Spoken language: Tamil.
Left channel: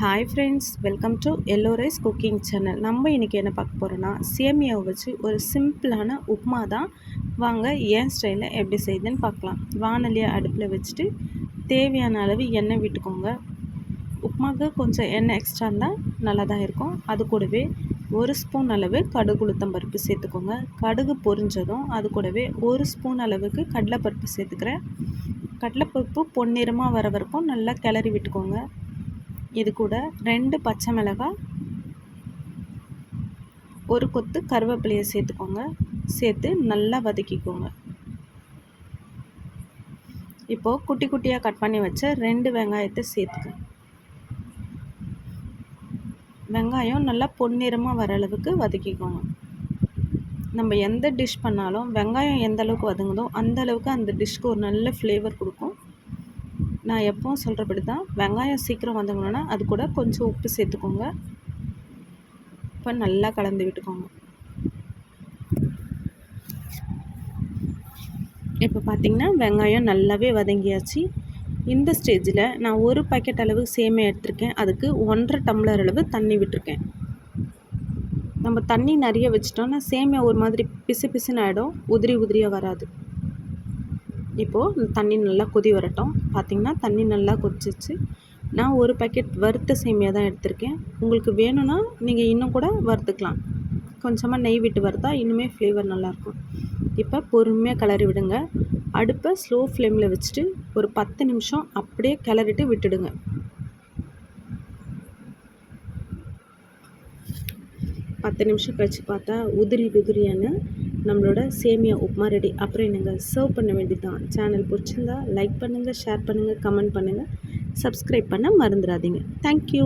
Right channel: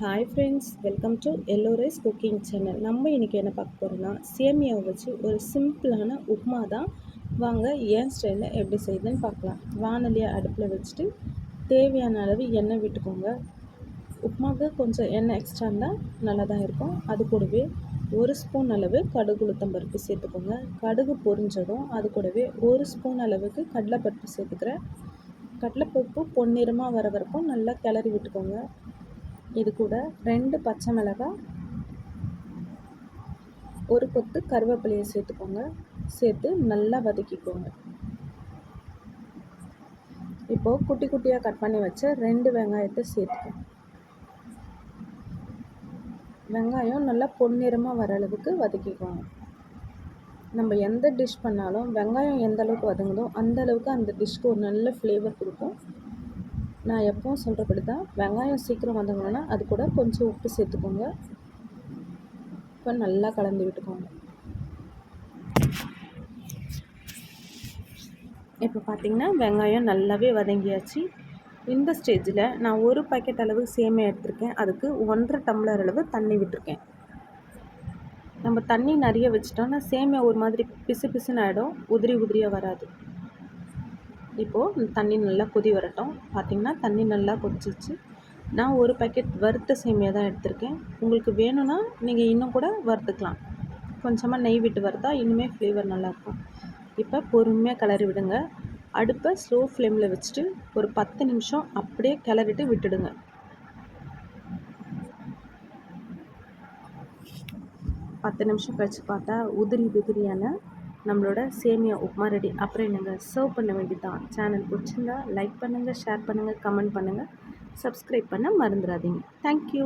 Hi friends, welcome to yellow rice cooking channel. நம்ம இன்றைக்கி என்ன பார்க்க போகிறோன்னா, சேமியாவை வச்சு ஒரு சிம்பிளான உப்புமா தான். வாங்க ஏன் ஸ்டைலில் எப்படி செய்யுதுன்னு பார்க்கலாம். வானலியை அடுப்பில் வச்சுட்டு தேவையான அளவு எண்ணெய் விட்டுக்கோங்க. உப்புமாவுக்கு கொஞ்சம் எண்ணெய் எக்ஸ்ட்ரா இருந்தால் நல்லா தான் இருக்கும். அது கூடவே ஒரு ஸ்பூன் அளவு கடுகு உளுத்தம் பருப்பு சேர்த்துக்கோங்க. கடுகு பொரிஞ்சதும் அது கூடவே ஒரு ஸ்பூன் அளவுக்கு கடலைப்பருப்பு சேர்த்துக்கிறேன். கடலைப்பருப்பு பொன்னிறமாக வர வரைக்கும் நல்லா கிளறி விட்டுக்கோங்க. இது கூட 2 பச்சை மிளகாய், ஒரு கொத்து கருவேப்பிலையை சேர்த்துக்கோங்க. சேர்த்து நல்லா வதக்கிக்கோங்க. இப்போது குட்டி குட்டியாக கட் பண்ணி வச்ச 2 வெங்காயத்தை சேர்த்துக்க. வெங்காயம் நல்லா பொன்னிறமாக வர அளவுக்கு வதக்கிக்கோங்க. நம்ம எந்த டிஷ் பண்ணாலும் வெங்காயம் எந்த அளவுக்கு வதங்குதோ அந்த அளவுக்கு அந்த டிஷ்க்கு ஒரு நல்ல ஃப்ளேவர் கொடுக்கும். நான் எப்பவும் சொல்கிறபடி தான், வெங்காயம் சீக்கிரம் வதங்கணுன்னா அது கூட கொஞ்சம் உப்பு சேர்த்துக்கோங்க. இப்போ நல்லா கலந்து விட்டுக்கோங்க. இப்போ பார்த்திங்கன்னா வெங்காயம் நல்லாவே வதங்கியாச்சு. இந்த ஸ்டேஜில் நான் ஒரு பாக்கெட் அளவு சேமியா எடுத்திருக்கேன். அதுக்கு 1.5 டம்ளர் அளவு தண்ணி விட்டுருக்கேன். நம்ம தண்ணி நிறைய வச்சிட்டோன்னா சேமியா ஒரு மாதிரி பிசு பிசுன்னு ஆகிடும், உதிரி உதிரியாக வராது. இப்போது தண்ணி நல்லா கொதி வரட்டும். பார்த்திங்கன்னா தண்ணி நல்லா கொதிச்சிச்சு. நான் ஒரு பாக்கெட் வறுத்த சேமியா தான் எடுத்திருக்கேன். உங்களுக்கு வேணும்னா நீங்கள் இன்னும் கூட வறுத்துக்கலாம். கொஞ்சமாக நெய் விட்டு வறுத்தா இன்னுமே ஃப்ளேவர் நல்லாயிருக்கும். இப்போ பொறுமையாக கிளறி விடுங்க. அடுப்பை ஸ்லோ ஃப்ளேமில் வச்சுட்டு ஒரு 10 நிமிஷம் அப்படியே கிளறிட்டு விட்டுடுங்க. பத்து நிமிஷம் கழித்து பார்த்தா உதிரியான நம்மளோட சேமியா உப்புமா ரெடி. அப்புறம் என்னங்க, சர்வ் பண்ண வேண்டியதான். சேனல் பிடிச்சிருந்தா லைக் பண்ணுங்கள், ஷேர் பண்ணுங்கள், கமெண்ட் பண்ணுங்கள், சப்ஸ்கிரைப் பண்ண மறந்துடாதீங்க. தேங்க்யூ.